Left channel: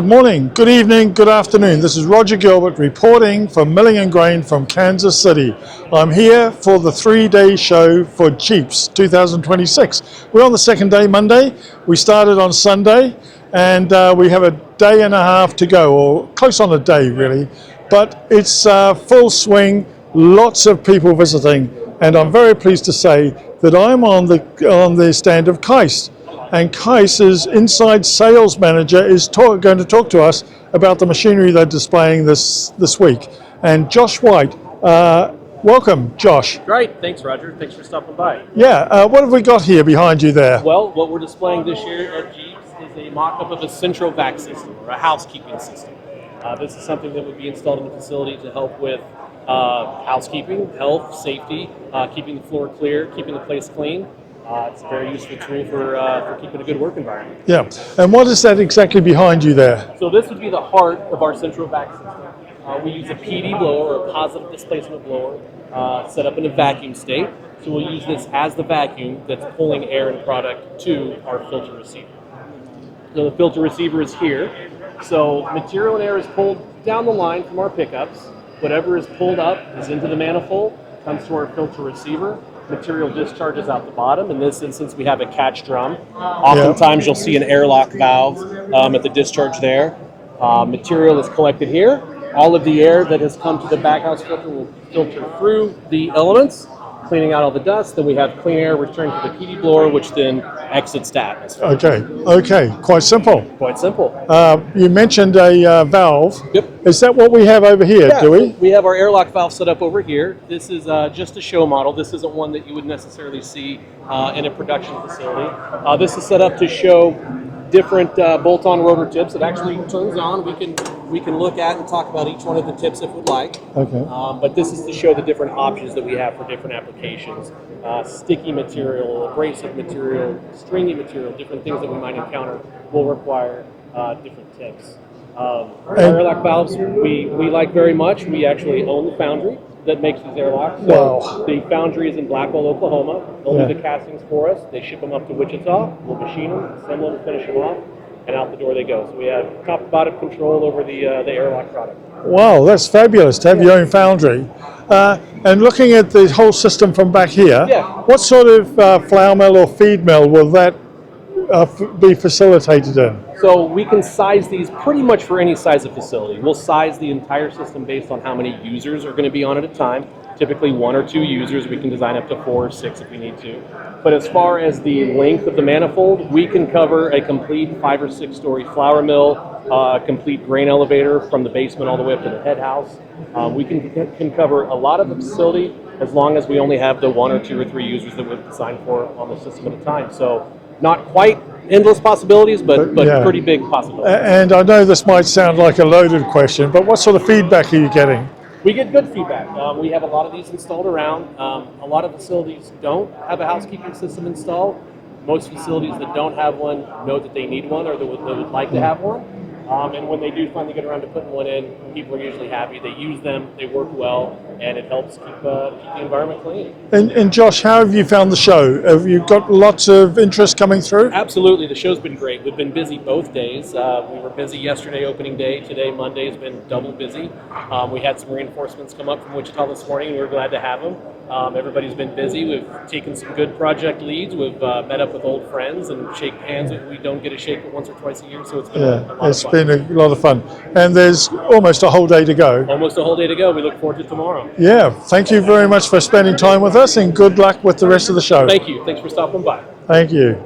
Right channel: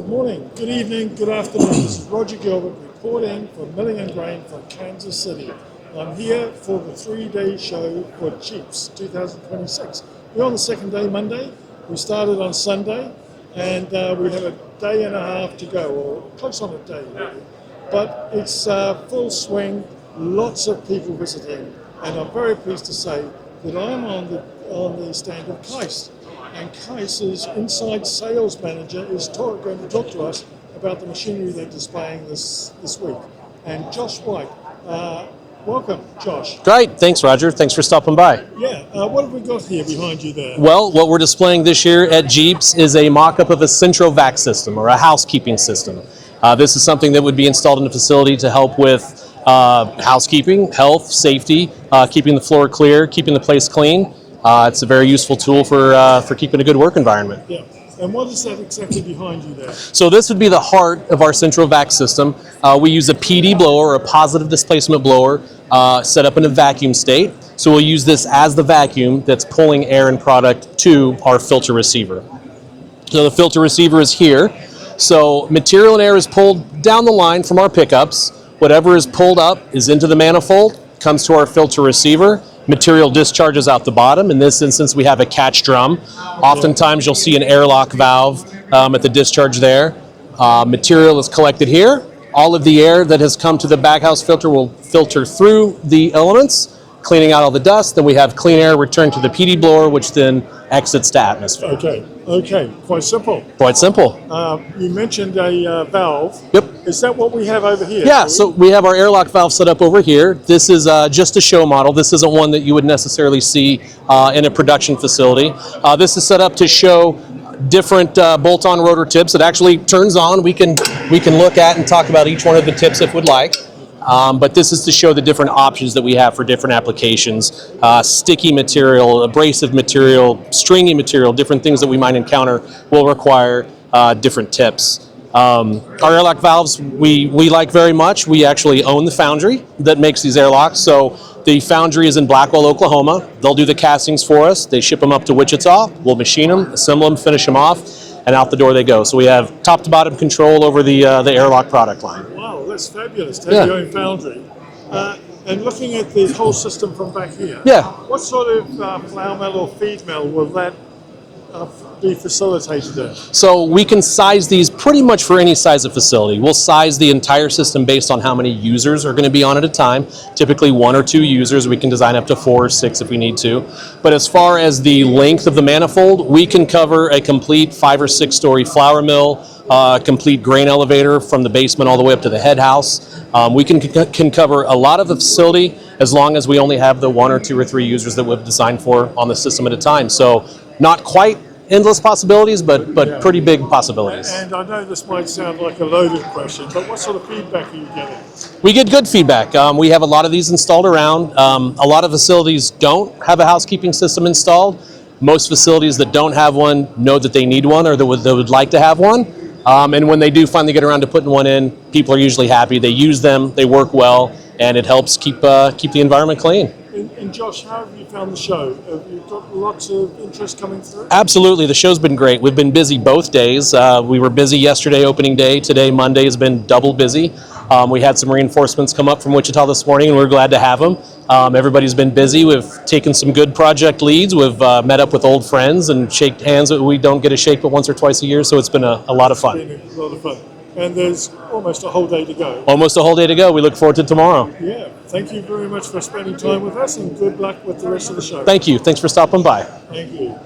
Good morning, good evening, good afternoon. This is Roger Gilbert reporting for Milling and Grain from Kansas City. I'm here for the 3-day show for GEAPS 2026. We're on the second day, Monday. We started on Sunday and we have a day and a half to go, or close on a day really. But it's full swing, lots of people visiting, and I'm very pleased to say that I'm on the stand of Kice. And Kice's inside sales manager is going to talk to us about the machinery they're displaying this week. And Josh White, welcome, Josh. Great, thanks Roger, thanks for stopping by. Yeah, what have we got here behind you there? Well, what we're displaying this year at GEAPS is a mock-up of a central vac system, or a housekeeping system. This is something that would be installed in the facility to help with housekeeping, health, safety, keeping the floor clear, keeping the place clean. It's a very useful tool for keeping a good work environment. Yeah, and what is that exactly behind you there? So this would be the heart of our central vac system. We use a PD blower, a positive displacement blower, set up in a vacuum state. So we'll use this as the vacuum that's pulling air and product to our filter receiver. So the filter receiver is here. So material and air is pulled down the line from our pickups. Whatever is pulled up is into the manifold, comes to our filter receiver. Material discharges out the bottom. In this instance, we have a catch drum. Oftentimes, you'll see an airlock valve at the discharge there. Material is collected here. All of the air that has come to the baghouse filter will filter through the elements, cleaning out all the dust. Then we have clean air returned to the PD blower, which then exits to atmosphere. Okay, quite simple. Quite simple. You mentioned a valve. Yep. Is that what we have over here? Yeah, so we have our airlock valve set up over here. This is just a show model. This isn't one that you would necessarily see in a production facility. This is set up to show different bolt-on rotor tips. It actually turns on. We can look at and talk about each one of the tips if we'd like. Okay. But this is to show the different options that we have for different applications. Sticky material, abrasive material, stringy material, different things that we might encounter will require different tips. Our airlock valves we like very much. We actually own the foundry that makes these airlocks. So the foundry is in Blackwell, Oklahoma. They'll do the castings for us. They ship them up to Wichita. We'll machine them, assemble them, finish them off, and out the door they go. So we have top to bottom control over the airlock product line. Wow, that's fabulous to have your own foundry. And looking at the whole system from back here, what sort of flour mill or feed mill will that be facilitated in? So we can size these pretty much for any size of facility. We'll size the entire system based on how many users are going to be on at a time. Typically 1 or 2 users. We can design up to 4 or 6 if we need to. But as far as the length of the manifold, we can cover a complete 5 or 6 story flour mill, complete grain elevator from the basement all the way up to the head house. We can cover a lot of the facility as long as we only have the 1 or 2 or 3 users that we've designed for on the system at a time. So not quite endless possibilities, but pretty big possibilities. And I know this might sound like a loaded question, but what sort of feedback are you getting? We get good feedback. We have a lot of these installed around. A lot of facilities don't have a housekeeping system installed. Most facilities that don't have one know that they need one or that would like to have one. And when they do finally get around to putting one in, people are usually happy. They use them, they work well, and it helps keep the environment clean. And Josh, how have you found the show? Have you got lots of interest coming through? Absolutely, the show's been great. We've been busy both days. We were busy yesterday, opening day. Today, Monday, has been double busy. We had some reinforcements come up from Wichita this morning, and we're glad to have them. Everybody's been busy. We've taken some good project leads. We've met up with old friends and shaked hands. We don't get a shake but once or twice a year, so it's been a lot of fun. It's been a lot of fun. And there's almost a whole day to go. Almost a whole day to go. We look forward to tomorrow. Yeah, thank you very much for spending time with us, and good luck with the rest of the show. Thank you. Thanks for stopping by. Thank you.